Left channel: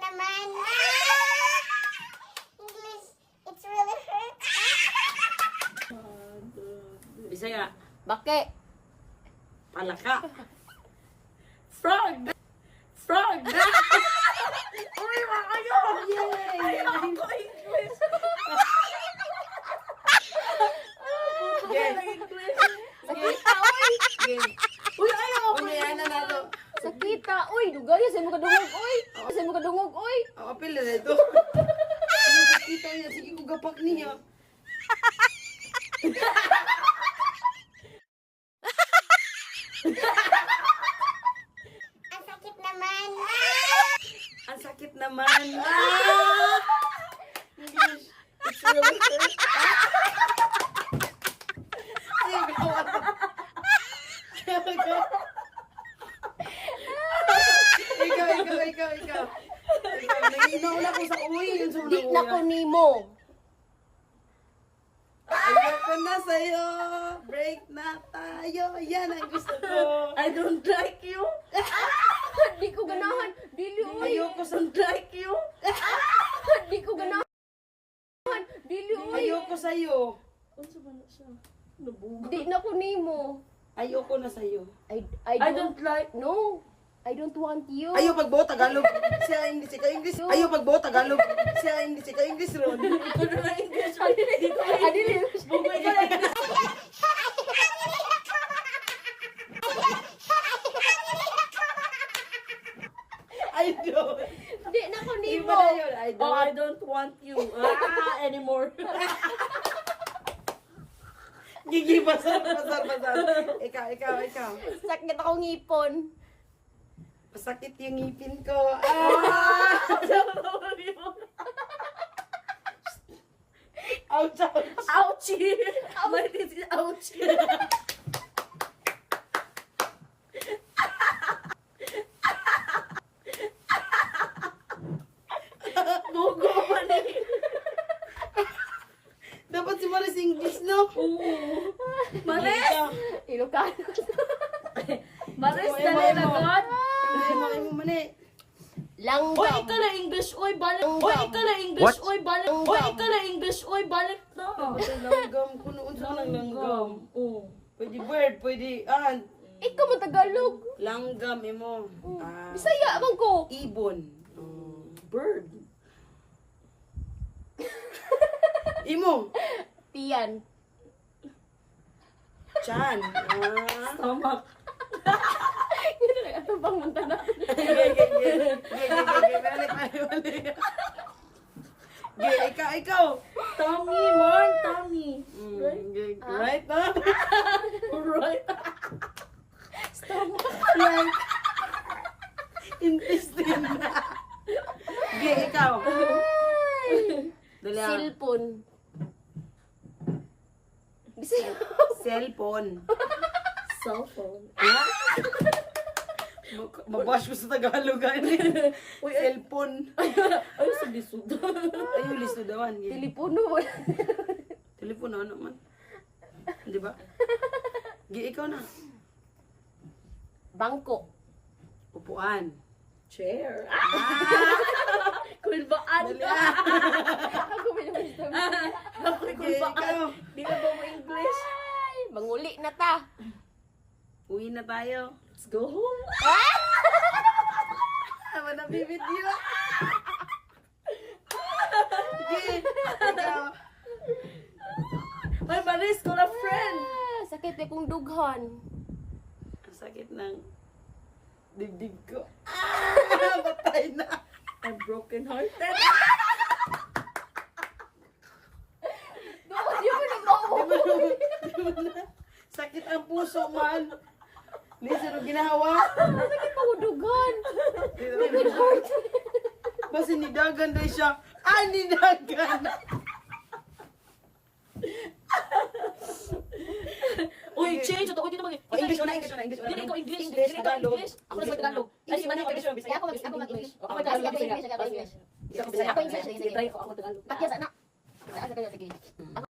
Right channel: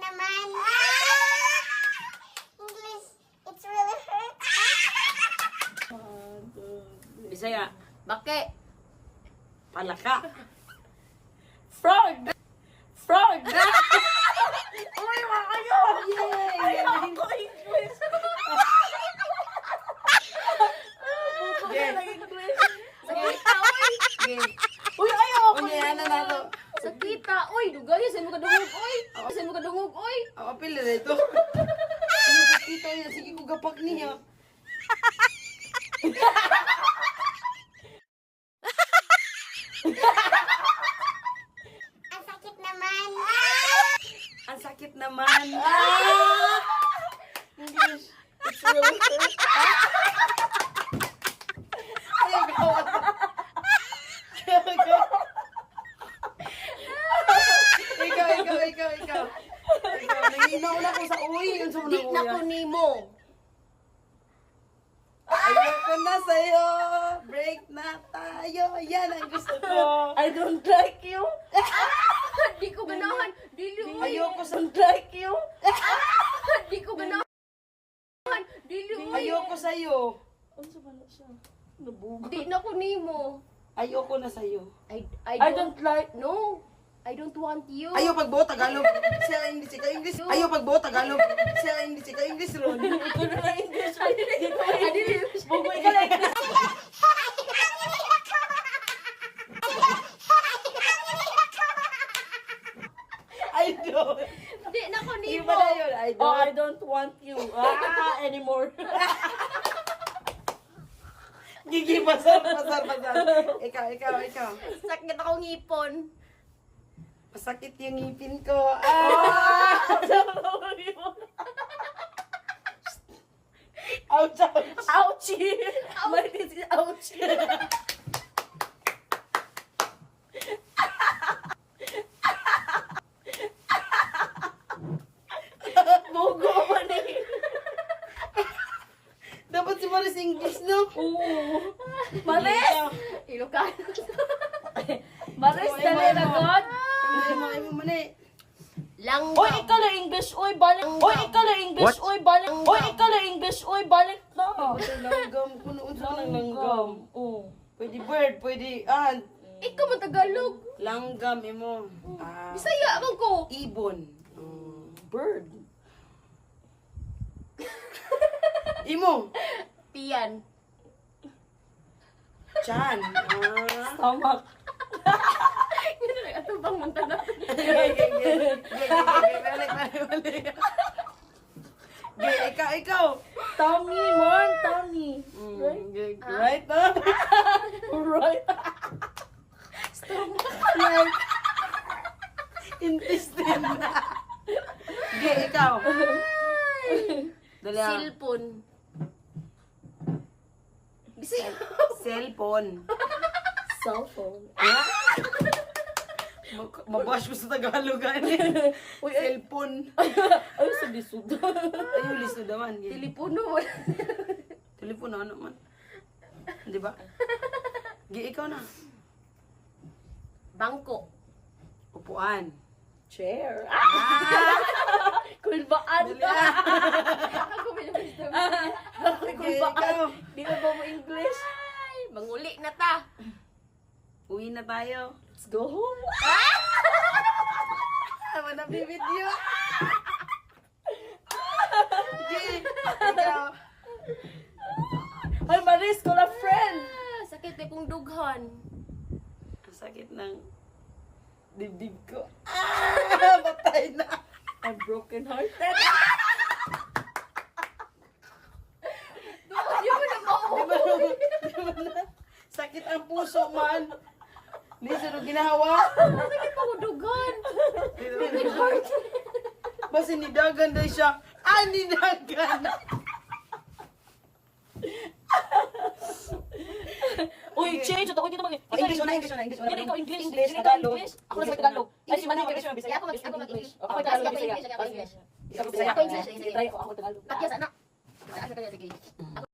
Naman. English, it's really hurt. Bisaya. Bakit? Palaka. Frog! Frog! Uy, makayo! Yay! Ako English! Game. Game. Uy, ayaw ako! Unya, ano na to? Sakita! Uy, dugay! Saan mo kadungog? Uy! Saan mo kadungog? Uy! Ako pila na ito. Ano sa kita niya? Sige ko gapak niya. Ang sakit naman. Ang sakit naman. Ah! English. It's really hurt. Ayaw ko. Ayaw ko. Ikaw. Ikaw, nanginaw na ko sa uwi. Yun sa Di unang na ko uya. nimo! Ayoko na sa'yo. Break na tayo. Yan ang gusto ko. I don't like you! Di ko ganahan! Dili, uy! Ayoko sa... like you! Di ko ganahan! Dili, uy! Ayoko sa'yo. Ano sa ba na siya? Di na ko nimo! Ayoko na sa'yo. I don't like... No! I don't want you! Ayaw pagbuo Tagalog. Siya English, ikaw English. Ayaw pagbuo Tagalog. Siya English, ikaw English ron. English! Adili! Bugoy ka lang! I don't. Di na ko nimo! Iba na yun. I Oh, don't. I don't want you anymore. Gigi, pasar. Ikaw. Sakit akong ngipon. Masakit yung ngipin ko. Ah! Ouch. Ouchie! What is it? Ouchie! Bogo man eh. Dapat si Maris English, no? Maris! Ikaw. Ilocano. Maris Imo, na imo, rin imo. agad. Imo, mani. Langgam. Oy, ikaw lang English. Oy, balik. Oy, ikaw lang English. Oy, balik. Oy, ikaw lang English. Oy, balik na. Basta langgam. Kunoon sa ng langgam. Oh. Pwede bird, pwede Ikaw man Tagalog. langgam, imo. Ah, Bisaya man ko. ibon. Bird. Imo. Tiyan. Chan. Stomach. Ito lang ito bang mantana. Balik. Ikaw. Tummy, man. Tummy. Right na? Right. Stomach. Right. Intestine na. Ikaw. Dali ah. Cellphone. Cellphone. Cellphone. Ha? Mabash ko sa Tagalog ani. Cellphone. Ay, sa lisod. Ayaw listo dawan. Telepono. Telepono ano man. Di ba? Ikaw na. Bangko. Upuan. Chair. Ah! Kulbaan Dali ka. ah. Ako ba yung wisdom? Ikaw. Di na ba mo English? Ay, manguli na ta. Uwi na tayo. Let's go home. Ano na video? Sige. Ikaw. Ay, Maris, ko na friend. Sakit na kong dughan. Ang sakit ng dibdib ko. Ah! Patay na. I'm broken hearted. Di mo na mauwi. Di ba na? Sakit ang puso man. Hindi sino ginawa. Sakit pa kong dughan. Basta nidagan daw siya. Ah, nidagan. Uy, change. Ito ko dito mag- English na. Dili ko English. English, Dili ko Tagalog. English. Ako na sa Tagalog. Ay, si Manay. Ako mag-English. Ako Tagalog. Ako Tagalog. Isa ko Bisaya. Ako English. Ako Tagalog. Pakya sa na.